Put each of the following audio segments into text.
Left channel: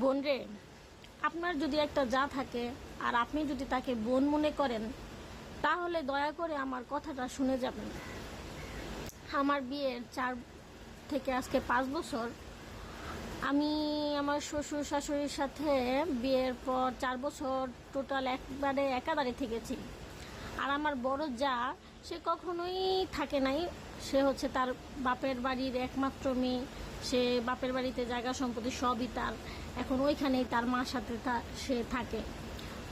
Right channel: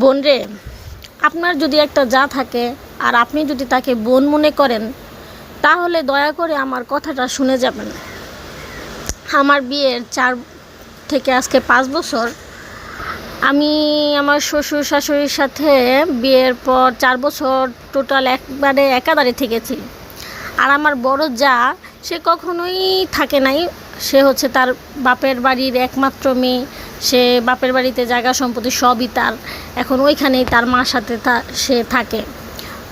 বোন রে, আপনার যদি একটা যা থাকে আর আপনি যদি তাকে বোন মনে করেন, তাহলে দয়া করে আমার কথাটা শুনে যাবেন। আমার বিয়ের 4 থেকে আজকে 5 বছর। আমি আমার শ্বশুর শাশুড়ির সাথে বিয়ের পর 4 বছর টোটাল একবারে একাধারে থেকেছি। আর আমার বড় যা, সে কখনোই থাকে নাই। সে হচ্ছে তার বাপের বাড়ির একমাত্র মেয়ে। সে বাপের বাড়িতে জায়গা সম্পত্তি সবই তার। এখন ওইখানেই তার মার সাথে সে থাকে।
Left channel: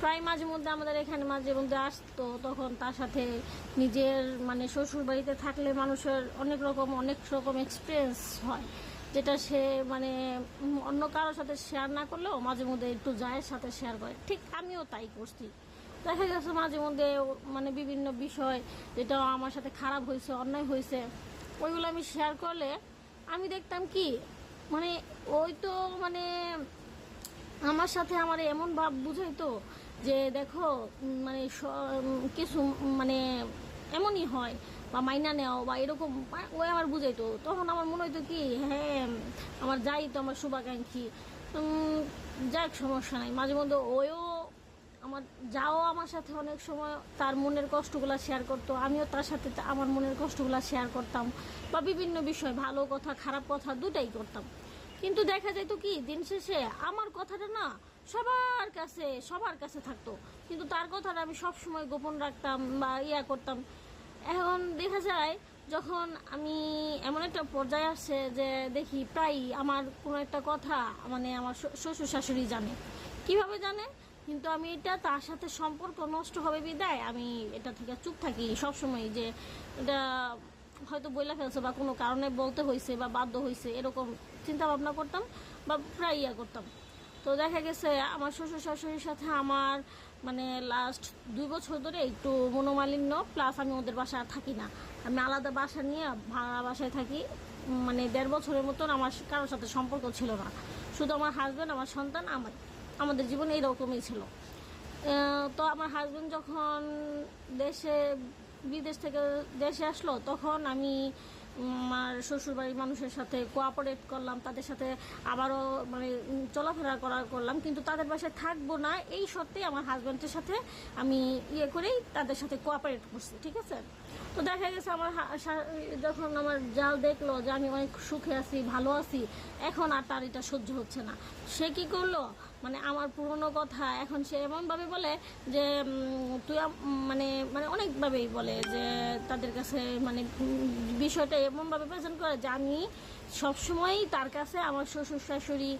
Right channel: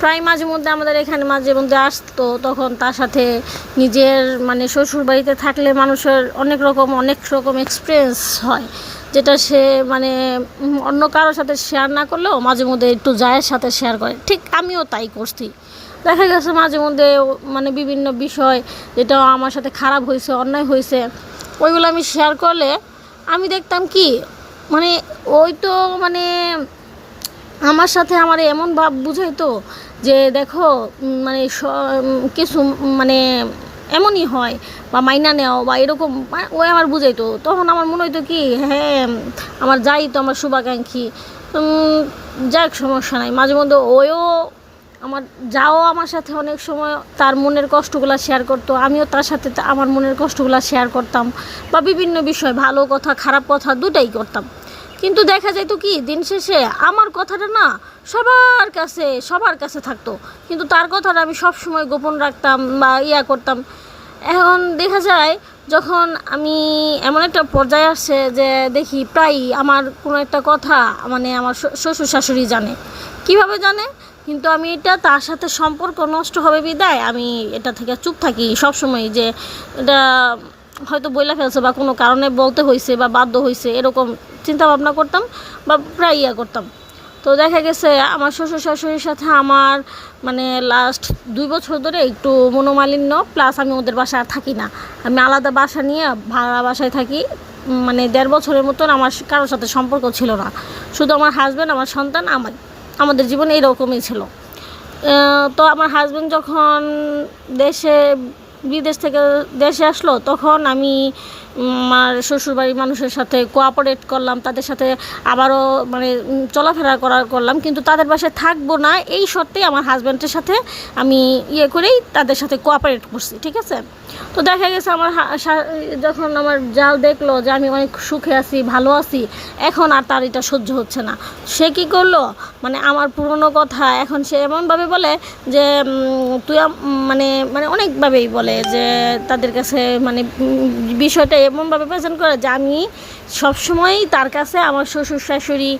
প্রায় মাঝে মধ্যে আমাদের এখানে মাঝে মধ্যে আসতো, তখন তার সাথে নিজের শ্বশুর বাড়িতে থাকলে মানুষের অনেক রকম এক্সপিরিয়েন্স হয়, যেটা সে অন্য কারোর সাথে শেয়ার না করলেও মাঝে মধ্যে একটু জায়ের সাথে শেয়ার করে। ঠিক আমিও তাই করছি। দেখা গেছে মাঝে মধ্যে বিভিন্ন বিষয় যেটা আমার সাথে খারাপ হয়েছে, অন্যায় হয়েছে, ওইগুলো আমি শেয়ার করলে আমি দেখতাম কি ওই তো আমার সাথে আমার এমন ভাব বুঝাইতো যে দেখো কিছু এমনই হয় বা মাইনা নেও বা এরকম, ওই আমার বুঝাইতো। তখন আমার মনে হইতো কি, হ্যাঁ আমার যাই তো আমার শুভাকাঙ্ক্ষী, যাক সমস্যা নাই। মাঝে মধ্যে আমার যাও আমার সাথে অনেক সময় তার মনের কষ্টগুলো শেয়ার করতো, আমিও তার সাথে আমার মনের কষ্টগুলো শেয়ার করতাম, বা বিভিন্ন বিষয় ভালো কথা খারাপ কথা দুটাই করতাম। কিন্তু দেখা যেত কি, দিন শেষে আমার কথাটা না সবার কাছে থাকতো, কিন্তু তার কথাটা আমি সব সময় গোপন রাখতাম বা করতাম। এখন দেখা যায় যখন আমি এমন একটা পর্যায়ে আসছে যে দেখি প্রায় আমার কোনো একটা কথা আমার শ্বশুর শাশুড়ি জানে। কিভাবে জানে? কিন্তু আমি এটা তার সাথে সম্পর্ক নষ্ট হবে বিদায় আমি এটা থেকে চুপ থাকি সব সময়, যে এটা হয়তো বইলা ফেলছে বা কোনো কারণে বলতে হয়েছে বা বাধ্য হয়েছে, এরকম চিন্তা ভাবনা করতাম বা প্রায় করতাম। তো দেখা গেছে আমার শ্বশুর শাশুড়ির সাথে আমার লাস্ট 2 বছর ধরে একটু মনোমালিন্য, প্লাস আমি ওদের বাসায় আর থাকি না। আমি আলাদা বাসা নিয়ে ভাড়া বাসায় থাকি। 1.5 বছরের মতন আমার কারোর সাথে সম্পর্ক ছিল না, শুধু আমার হাজব্যান্ড, আমার সন্তান, আমাদের জীবনে এইরকমই ছিল। তো আমার হাজব্যান্ড যখন বিদেশ থেকে দেশে আসলো, তখন আমি আমার শ্বশুরবাড়ির মানুষের সাথে কোঅপারেট করলাম, তাদের সাথে আবারও চলাফেরা করলাম, কিন্তু তাদের বাসায় থাকবো না এই শর্তেই আমার হাজব্যান্ডের সাথে আমি করেই তাদের সাথে কোঅপারেট করছি, ঠিক আছে। তো দেখা গেছে যখন আমার জাল দেখলো যে আমি অনেক সুখে আছি, ভালো আছি, এখন আর তার এটা সহ্য হচ্ছে না। সে কি করলো, আমার পুরনো কথা এখন সে এমনভাবে বলে যে তুই অনেকভাবেই বলে যে তাদের কাছে বিষয়টা এমনভাবে প্রেজেন্ট করে যে আমি সবসময়ই তার কাছে আমার শ্বশুর শাশুড়ি